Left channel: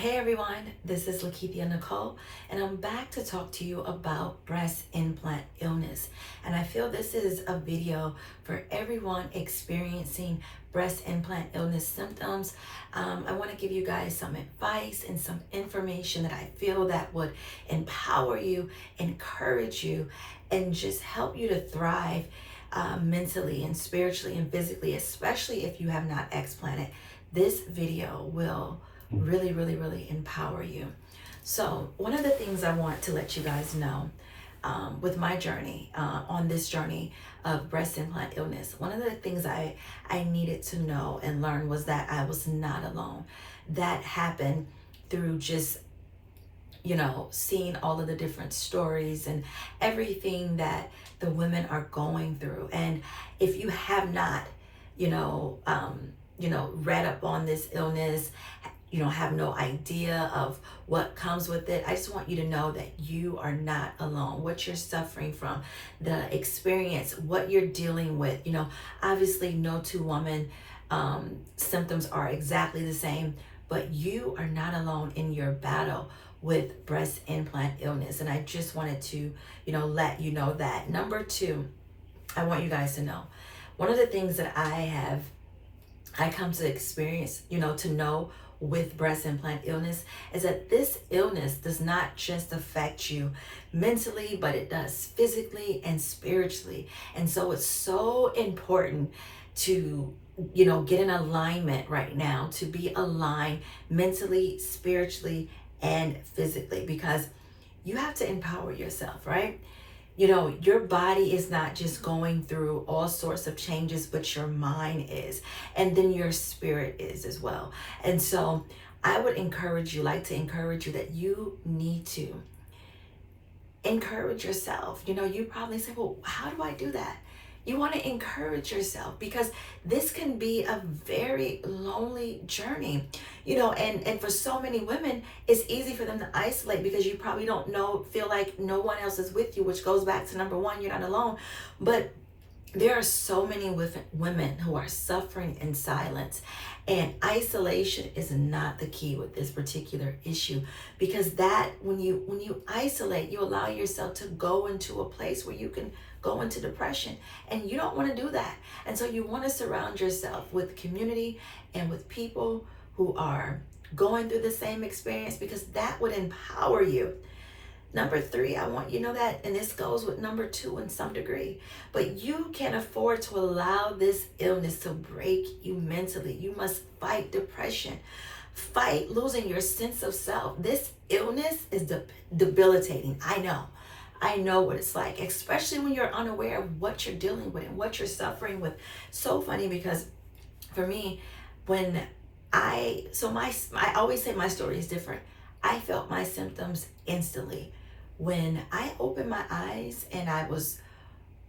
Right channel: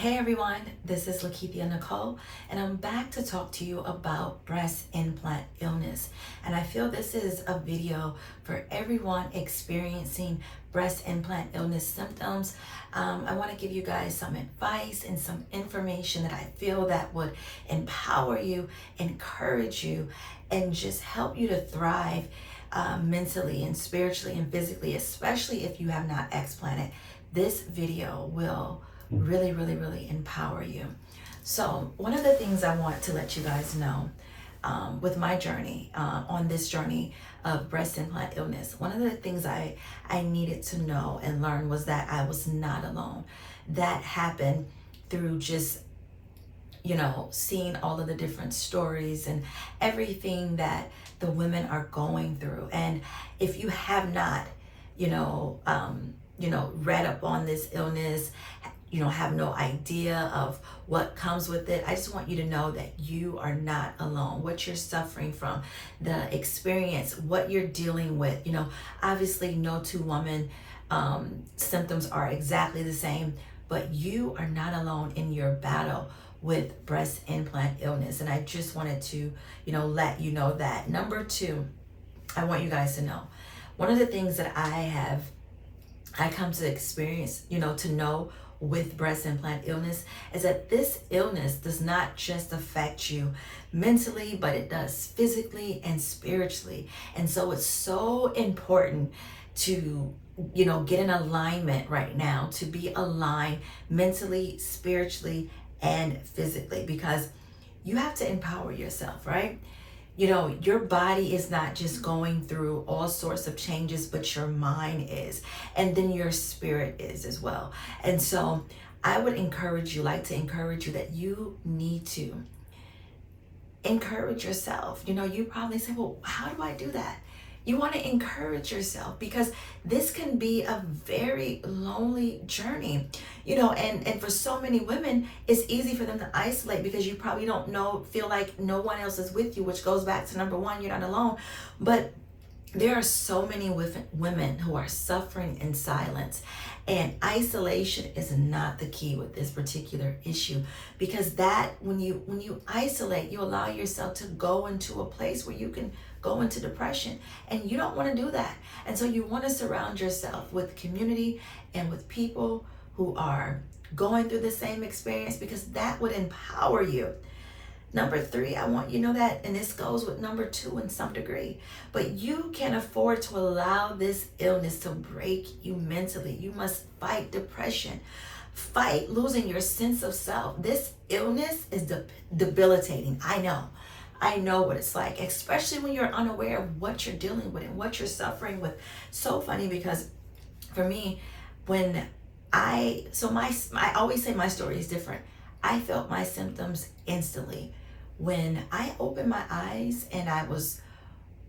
Hey everyone, this is Lakeithia Nicole, and I'm back to talk to you about breast implant illness. And I feel this is a video for everyone experiencing breast implant illness symptoms. I want to give you guys some advice and some information that I feel that would empower you, encourage you, and just help you to thrive mentally and spiritually and physically, especially if you have not explanted. This video will really empower you. So one of the things I want to let you guys know with my journey, on this journey of breast implant illness, one of the things I needed to know and learn was that I was not alone. That happened through just, seeing all of the different stories and everything that the women are going through. And if you have not, read up on this illness, have no idea of what comes with it, I just want you to know that you are not alone. What you're suffering from, the experience, what you're dealing with, obviously no two women symptoms are exactly the same, but you are not alone in your battle with breast implant illness. And I just wanted to, let you know that. Number two, I want you guys to know, one of the things that I come to experience, to know with breast implant illness is that this illness does not just affect you mentally, but it does physically and spiritually. And so it's so important to, get in alignment right now, to be aligned mentally, spiritually, and physically, because you have to empower yourself, right? Your body is not just going through all sorts of changes, but your mind is, and then your spirit is as well. And so I would like to encourage you that you need to encourage yourself. You probably say, well, how do I do that? You want to encourage yourself, because this can be a very lonely journey, and for so many women, it's easy for them to isolate because you probably feel like no one else is with you, which goes back to number one, you're not alone. But there are so many women who are suffering in silence, and isolation is not the key with this particular issue, because that when you isolate, you allow yourself to go into a place where you can go into depression, and you don't want to do that. And so you want to surround yourself with community and with people who are going through the same experience, because that would empower you. Number three, I want you to know that, and this goes with number two in some degree, but you can't afford to allow this illness to break you mentally. You must fight depression, fight losing your sense of self. This illness is debilitating. I know what it's like, especially when you're unaware of what you're dealing with and what you're suffering with. So funny, because for me, I always say my story is different. I felt my symptoms instantly. When I opened my eyes and I was,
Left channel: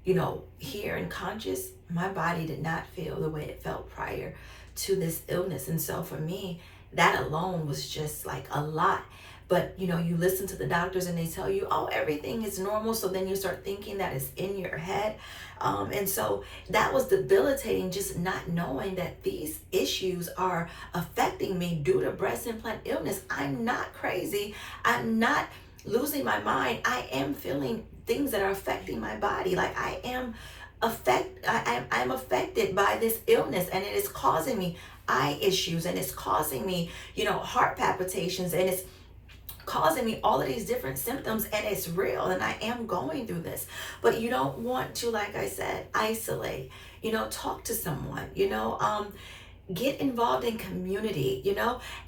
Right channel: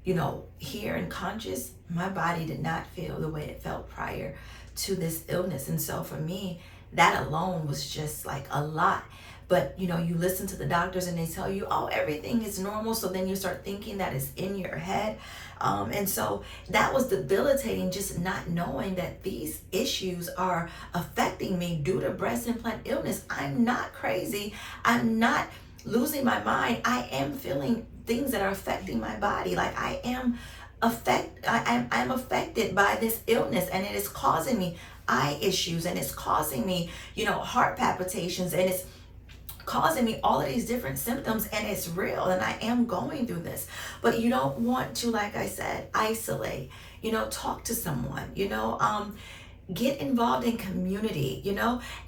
here and conscious, my body did not feel the way it felt prior to this illness. And so for me, that alone was just like a lot. But, you listen to the doctors and they tell you, oh, everything is normal. So then you start thinking that it's in your head. And so that was debilitating, just not knowing that these issues are affecting me due to breast implant illness. I'm not crazy. I'm not losing my mind. I am feeling things that are affecting my body. Like I'm affected by this illness, and it is causing me eye issues, and it's causing me, heart palpitations, and it's causing me all of these different symptoms, and it's real, and I am going through this. But you don't want to, like I said, isolate, talk to someone, get involved in community,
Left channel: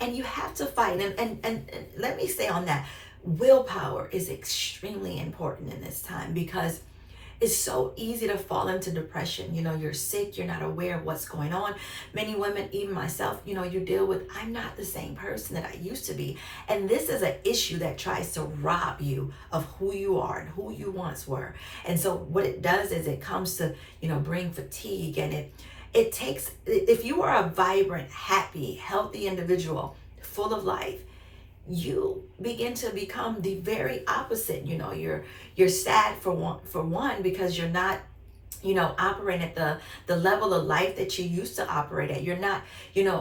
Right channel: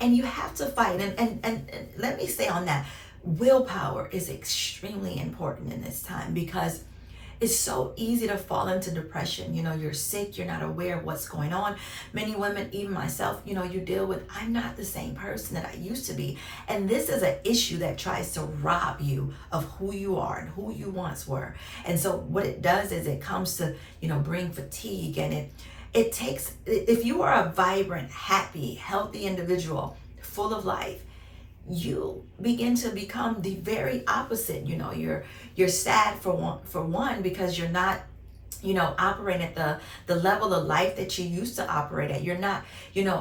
and you have to fight. And let me say on that, willpower is extremely important in this time, because it's so easy to fall into depression. You're sick, you're not aware of what's going on. Many women, even myself, you deal with, I'm not the same person that I used to be. And this is an issue that tries to rob you of who you are and who you once were. And so what it does is it comes to, bring fatigue, and it takes, if you are a vibrant, happy, healthy individual, full of life, you begin to become the very opposite. You're sad for one because you're not operating at the level of life that you used to operate at. You're not,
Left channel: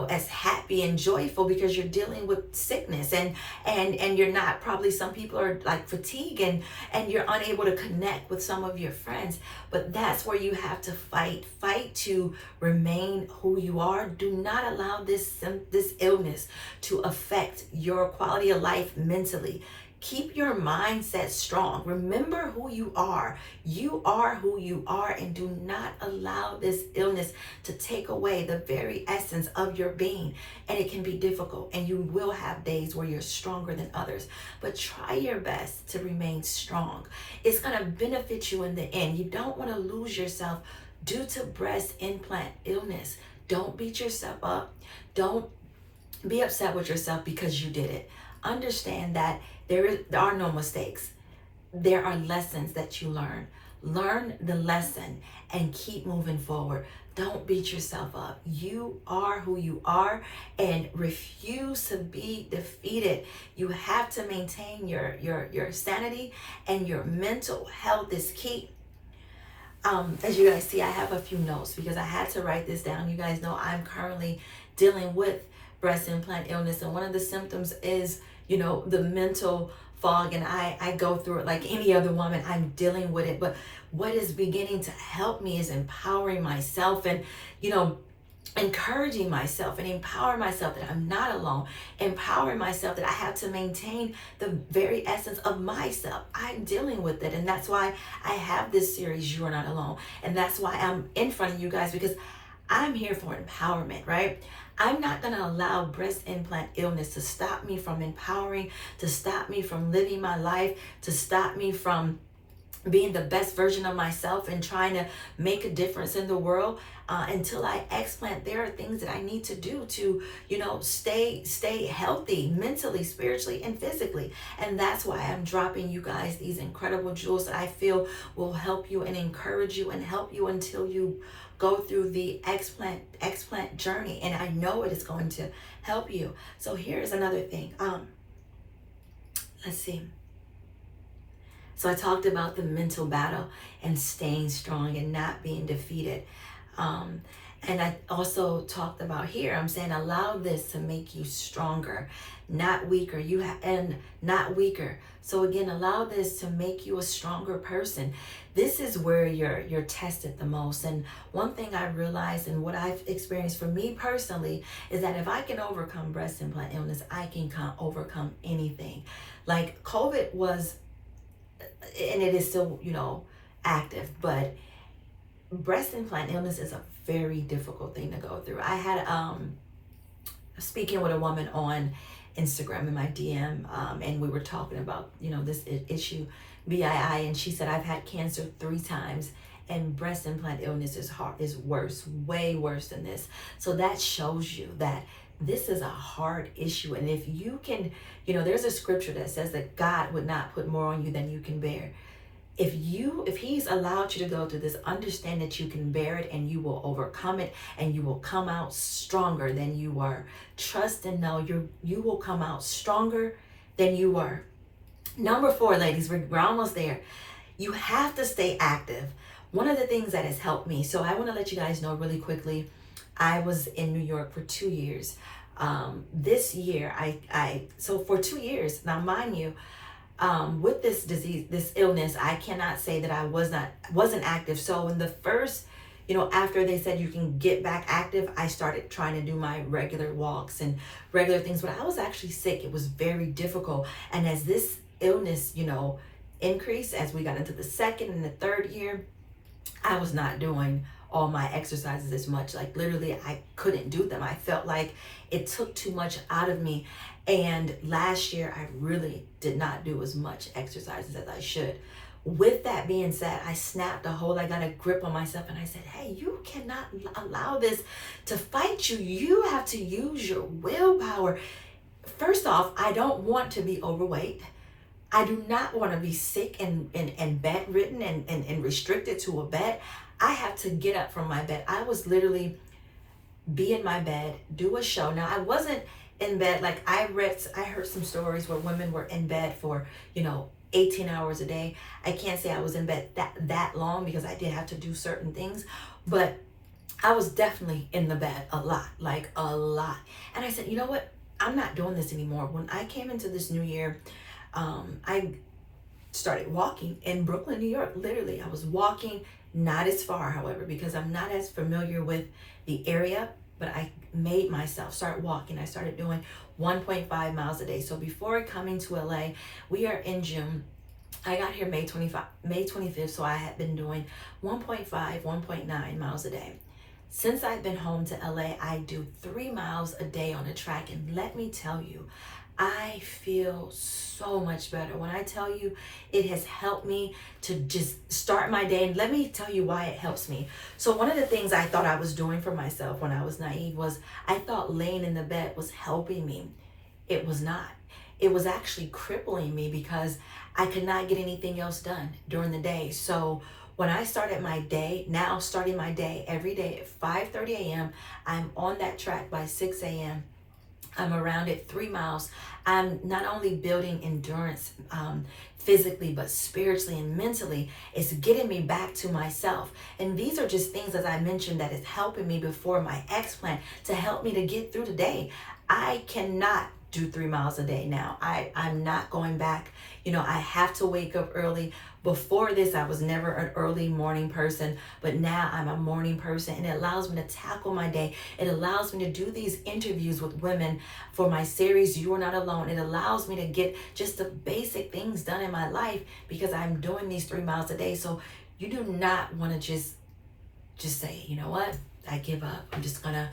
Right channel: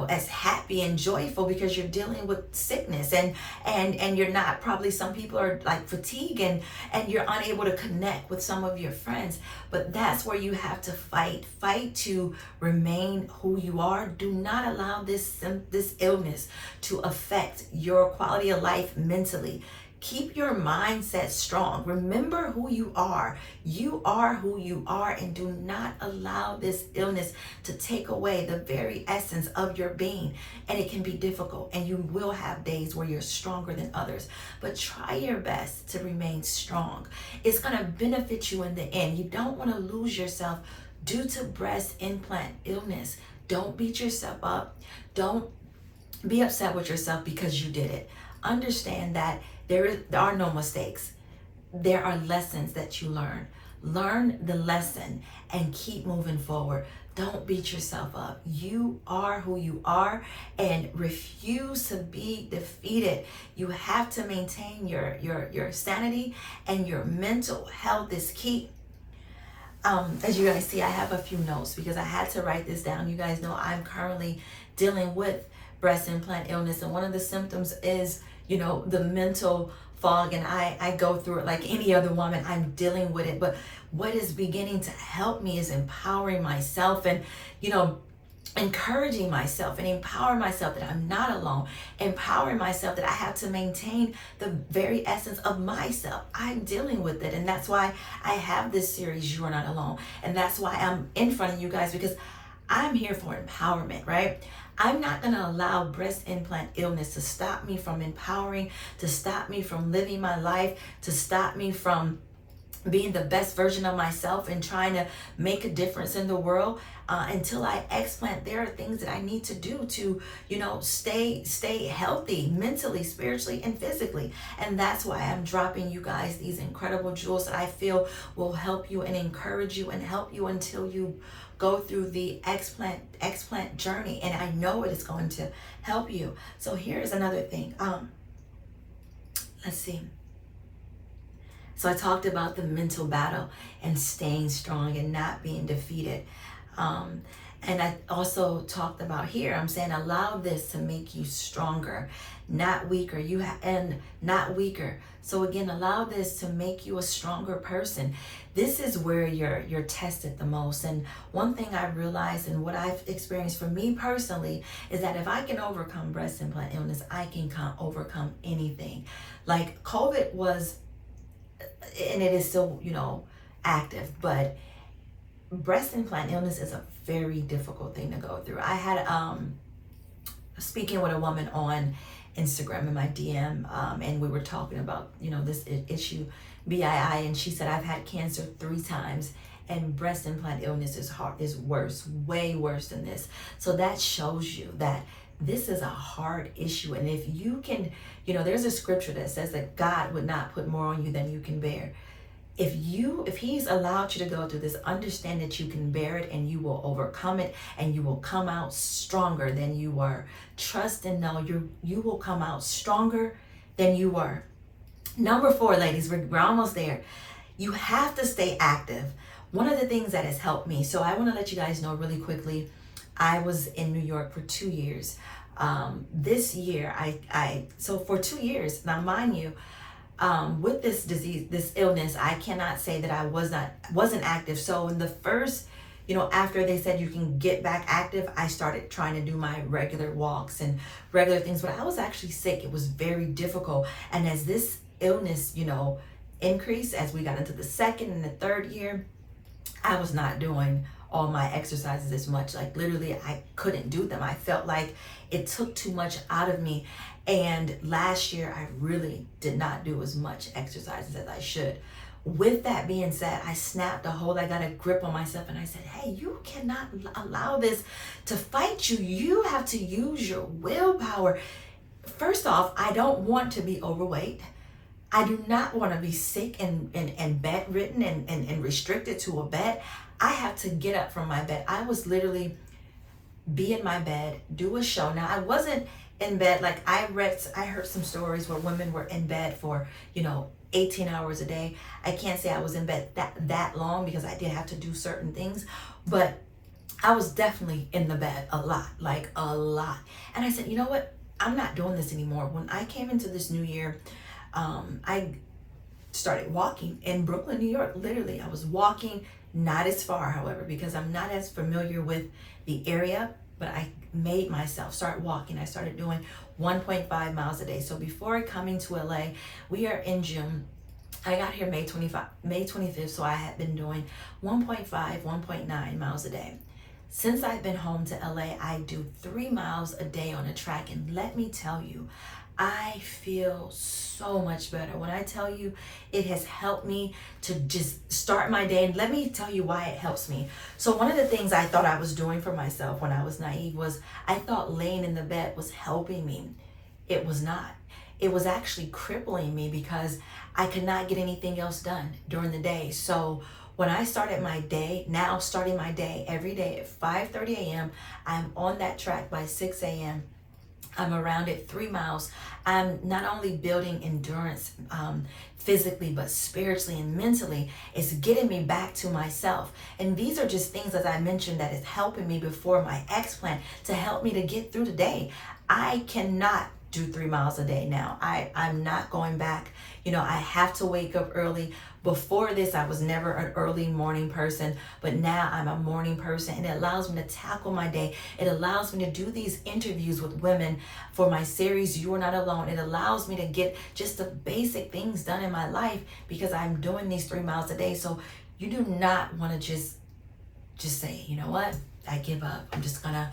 as happy and joyful because you're dealing with sickness, and you're not, probably some people are like fatigued, and you're unable to connect with some of your friends. But that's where you have to fight to remain who you are. Do not allow this illness to affect your quality of life mentally. Keep your mindset strong. Remember who you are. You are who you are, and do not allow this illness to take away the very essence of your being. And it can be difficult, and you will have days where you're stronger than others, but try your best to remain strong. It's going to benefit you in the end. You don't want to lose yourself due to breast implant illness. Don't beat yourself up. Don't be upset with yourself because you did it. Understand that there are no mistakes. There are lessons that you learn. Learn the lesson and keep moving forward. Don't beat yourself up. You are who you are, and refuse to be defeated. You have to maintain your sanity, and your mental health is key. As you guys see, I have a few notes because I had to write this down. You guys know I'm currently dealing with breast implant illness, and one of the symptoms is the mental fog, and I go through it like any other woman. I'm dealing with it, but what is beginning to help me is empowering myself, and encouraging myself, and empowering myself that I'm not alone, empowering myself that I have to maintain the very essence of myself. I'm dealing with it, and that's why I have this series, You Are Not Alone, and that's why I'm in front of you guys, because I'm here for empowerment, right? I'm not going to allow breast implant illness to stop me from empowering, to stop me from living my life, to stop me from being the best version of myself and trying to make a difference in the world. Until I explant, there are things that I need to do to, stay healthy mentally, spiritually, and physically. And that's why I'm dropping you guys these incredible jewels that I feel will help you and encourage you and help you until you go through the explant journey. And I know it is going to help you. So here's another thing. Let's see. So I talked about the mental battle and staying strong and not being defeated. And I also talked about here, I'm saying allow this to make you stronger, not weaker. And not weaker. So again, allow this to make you a stronger person. This is where you're tested the most. And one thing I realized, and what I've experienced for me personally, is that if I can overcome breast implant illness, I can overcome anything. Like COVID was, and it is still, active, but breast implant illness is a very difficult thing to go through. I had speaking with a woman on Instagram in my DM, and we were talking about this issue, BII, and she said, I've had cancer 3 times, and breast implant illness is worse, way worse than this. So that shows you that this is a hard issue. And if you can, there's a scripture that says that God would not put more on you than you can bear. If he's allowed you to go through this, understand that you can bear it, and you will overcome it, and you will come out stronger than you were. Trust and know you will come out stronger than you were. Number 4, ladies, we're almost there. You have to stay active. One of the things that has helped me, so I want to let you guys know really quickly, I was in New York for 2 years. This year, so for 2 years, now mind you, with this disease, this illness, I cannot say that I wasn't active. So in the first, after they said you can get back active, I started trying to do my regular walks and regular things, but I was actually sick. It was very difficult. And as this illness, increased, as we got into the 2nd and the 3rd year, I was not doing all my exercises as much. Like literally, I couldn't do them. I felt like it took too much out of me. And last year, I really did not do as much exercises as I should. With that being said, I snapped a hold. I got a grip on myself, and I said, hey, you cannot allow this to fight you. You have to use your willpower. First off, I don't want to be overweight. I do not want to be sick and bedridden and restricted to a bed. I have to get up from my bed. I was literally be in my bed, do a show. Now, I wasn't in bed. Like I heard some stories where women were in bed for, 18 hours a day. I can't say I was in bed that long because I did have to do certain things, but I was definitely in the bed a lot, like a lot. And I said, you know what? I'm not doing this anymore. When I came into this new year, I started walking in Brooklyn, New York. Literally, I was walking, not as far, however, because I'm not as familiar with the area, but I made myself start walking. I started doing 1.5 miles a day. So before coming to LA, we are in June. I got here May 25th, so I had been doing 1.5, 1.9 miles a day. Since I've been home to LA, I do 3 miles a day on a track, and let me tell you, I feel so much better. When I tell you it has helped me to just start my day, and let me tell you why it helps me. So one of the things I thought I was doing for myself when I was naive was I thought laying in the bed was helping me. It was not. It was actually crippling me because I could not get anything else done during the day. So when I started my day, now starting my day every day at 5:30 a.m., I'm on that track by 6 a.m. I'm around it 3 miles. I'm not only building endurance physically, but spiritually and mentally. It's getting me back to myself. And these are just things, as I mentioned, that is helping me before my explant to help me to get through the day. I cannot do 3 miles a day now. I'm not going back. I have to wake up early. Before this, I was never an early morning person, but now I'm a morning person, and it allows me to tackle my day. It allows me to do these interviews with women for my series, You Are Not Alone. It allows me to get just the basic things done in my life because I'm doing these 3 miles a day. So you do not want to just say, you know what, I give up. I'm just gonna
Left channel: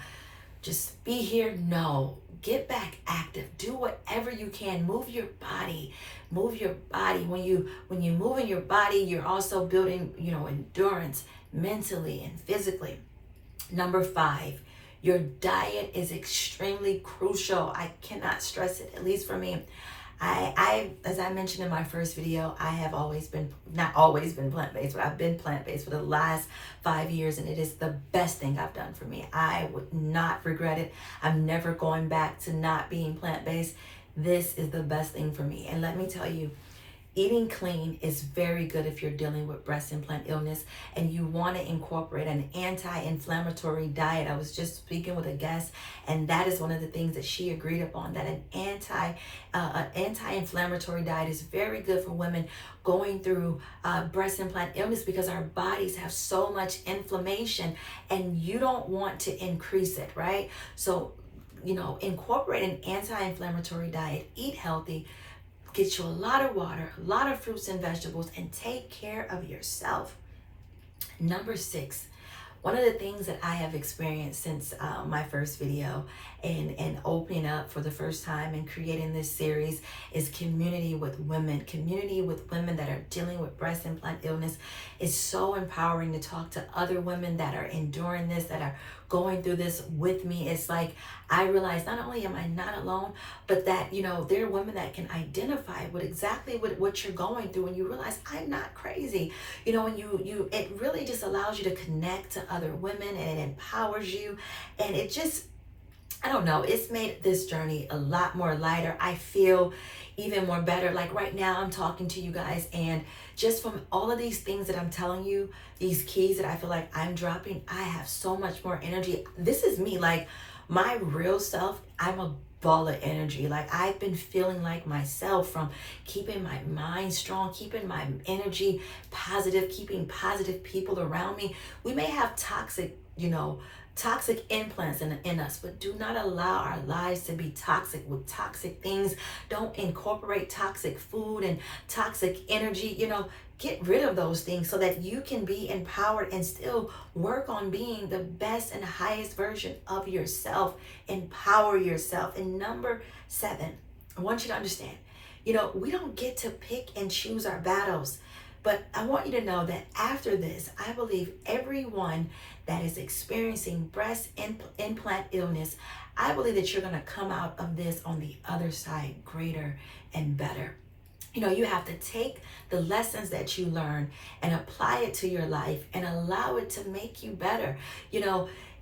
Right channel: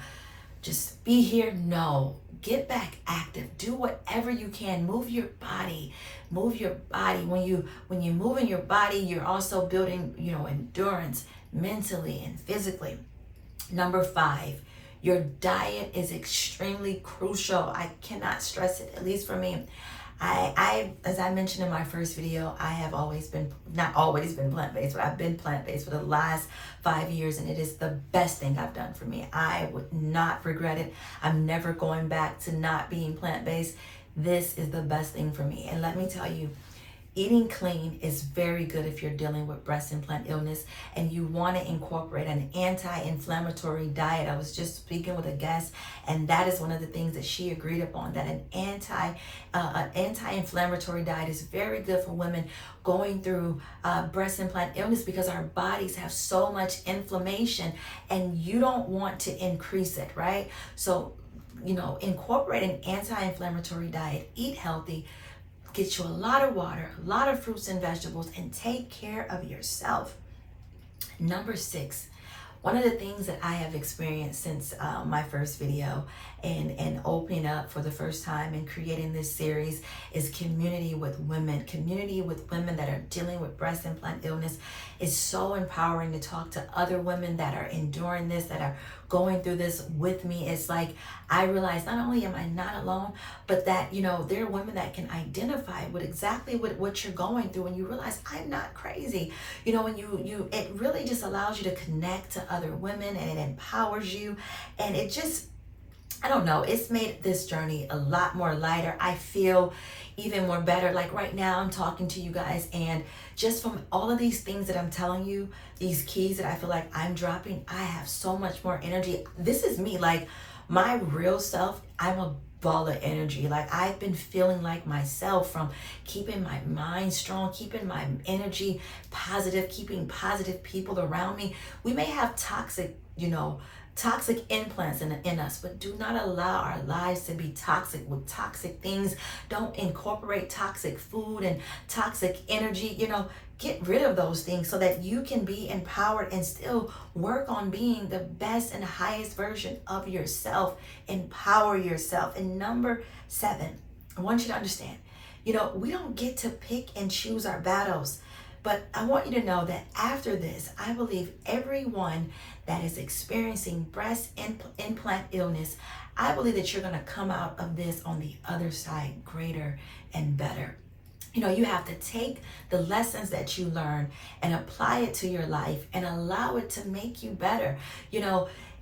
just be here. No, get back active. Do whatever you can. Move your body. Move your body. When you move in your body, you're also building, endurance mentally and physically. Number 5, your diet is extremely crucial. I cannot stress it, at least for me. I as I mentioned in my first video, I have not always been plant-based, but I've been plant-based for the last 5 years, and it is the best thing I've done for me. I would not regret it. I'm never going back to not being plant-based. This is the best thing for me. And let me tell you, eating clean is very good if you're dealing with breast implant illness and you want to incorporate an anti-inflammatory diet. I was just speaking with a guest, and that is one of the things that she agreed upon, that an anti-inflammatory diet is very good for women going through breast implant illness because our bodies have so much inflammation and you don't want to increase it, right? So, incorporate an anti-inflammatory diet, eat healthy, get you a lot of water, a lot of fruits and vegetables, and take care of yourself. Number 6, one of the things that I have experienced since my first video and opening up for the first time and creating this series is community with women. Community with women that are dealing with breast implant illness is so empowering to talk to other women that are enduring this, that are going through this with me. It's like I realize not only am I not alone, but that, there are women that can identify with exactly what you're going through, and you realize I'm not crazy. When it really just allows you to connect to other women, and it empowers you, and it just, I don't know, it's made this journey a lot more lighter. I feel even more better. Like right now I'm talking to you guys, and just from all of these things that I'm telling you, these keys that I feel like I'm dropping, I have so much more energy. This is me, like my real self. I'm a ball of energy. Like I've been feeling like myself from keeping my mind strong, keeping my energy positive, keeping positive people around me. We may have toxic implants in us, but do not allow our lives to be toxic with toxic things. Don't incorporate toxic food and toxic energy. Get rid of those things so that you can be empowered and still work on being the best and highest version of yourself. Empower yourself. And number 7, I want you to understand, we don't get to pick and choose our battles. But I want you to know that after this, I believe everyone that is experiencing breast implant illness, I believe that you're going to come out of this on the other side greater and better. You have to take the lessons that you learn and apply it to your life and allow it to make you better.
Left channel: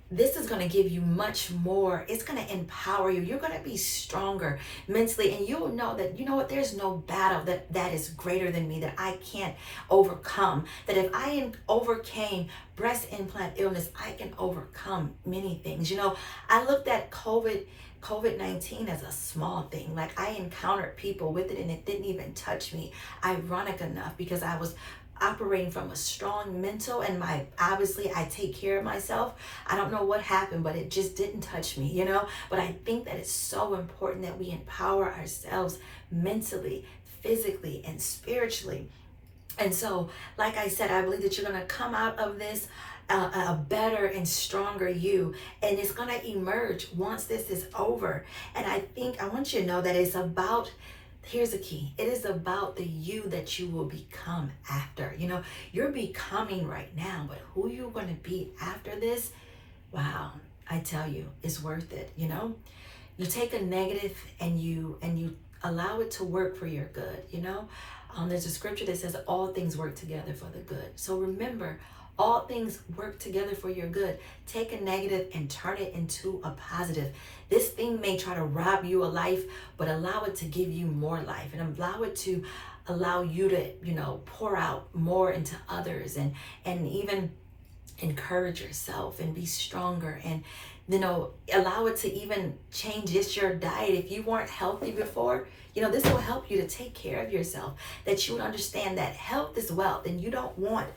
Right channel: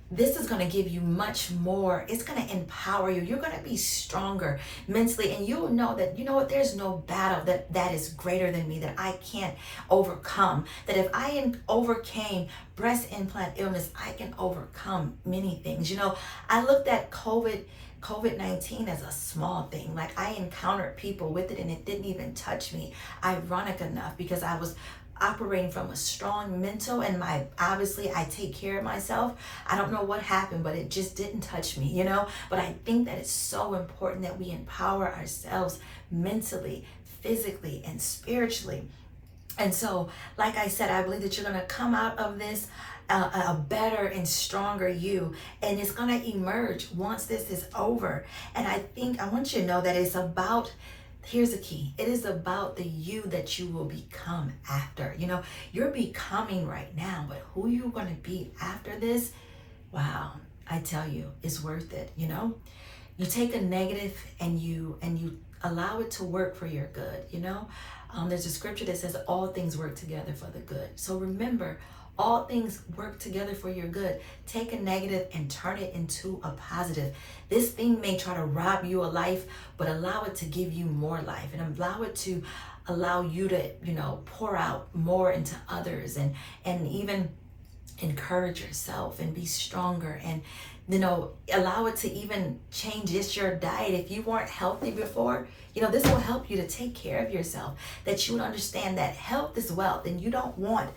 this is going to give you much more. It's going to empower you. You're going to be stronger mentally, and you'll know that, you know what, there's no battle that is greater than me, that I can't overcome. That if I overcame breast implant illness, I can overcome many things. You know, I looked at COVID-19 as a small thing. Like, I encountered people with it and it didn't even touch me. Ironic enough, because I was operating from a strong mental, and obviously I take care of myself. I don't know what happened, but it just didn't touch me, you know. But I think that it's so important that we empower ourselves mentally, physically, and spiritually. And so, like I said, I believe that you're going to come out of this a better and stronger you, and it's going to emerge once this is over. And I want you to know that it's about, here's the key, it is about the you that you will become after. You know, you're becoming right now, but who you're going to be after this, wow, I tell you, it's worth it. You know, you take a negative and you allow it to work for your good. You know, there's a scripture that says all things work together for the good. So remember, all things work together for your good. Take a negative and turn it into a positive. This thing may try to rob you of life, but allow it to give you more life, and allow you to, you know, pour out more into others, and even encourage yourself and be stronger, and, you know, allow it to even change just your diet. If you weren't healthy before, you know, this will help you to take care of yourself, that you would understand that health is wealth, and you don't want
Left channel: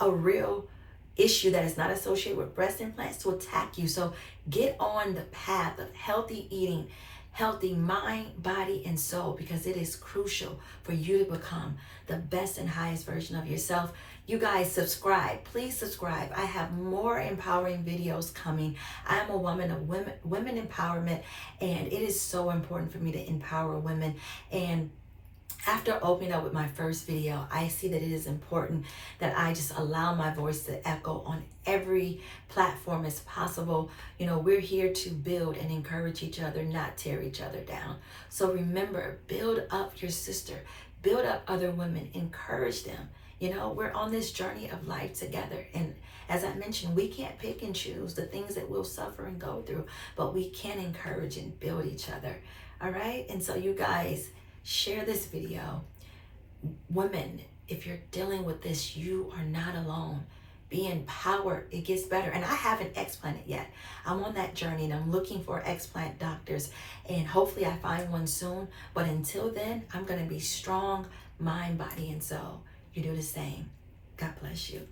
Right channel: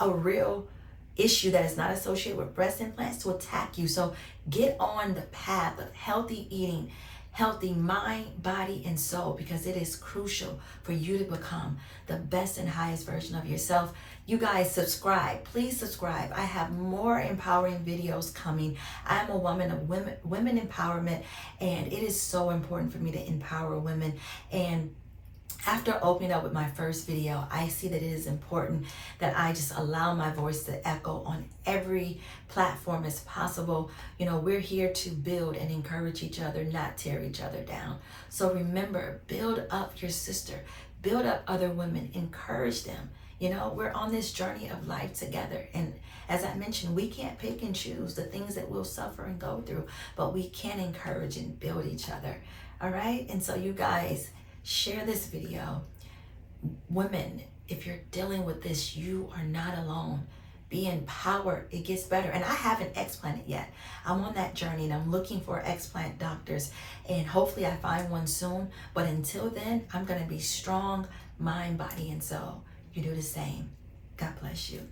a real issue that is not associated with breast implants to attack you. So get on the path of healthy eating, healthy mind, body, and soul, because it is crucial for you to become the best and highest version of yourself. You guys, subscribe. Please subscribe. I have more empowering videos coming. I am a woman of women empowerment, and it is so important for me to empower women. And after opening up with my first video, I see that it is important that I just allow my voice to echo on every platform as possible. You know, we're here to build and encourage each other, not tear each other down. So remember, build up your sister, build up other women, encourage them. You know, we're on this journey of life together. And as I mentioned, we can't pick and choose the things that we'll suffer and go through, but we can encourage and build each other. All right? And so you guys, share this video. Women, if you're dealing with this, you are not alone. Be empowered. It gets better. And I haven't explanted yet. I'm on that journey, and I'm looking for explant doctors, and hopefully I find one soon. But until then, I'm going to be strong, mind, body, and soul. You do the same. God bless you.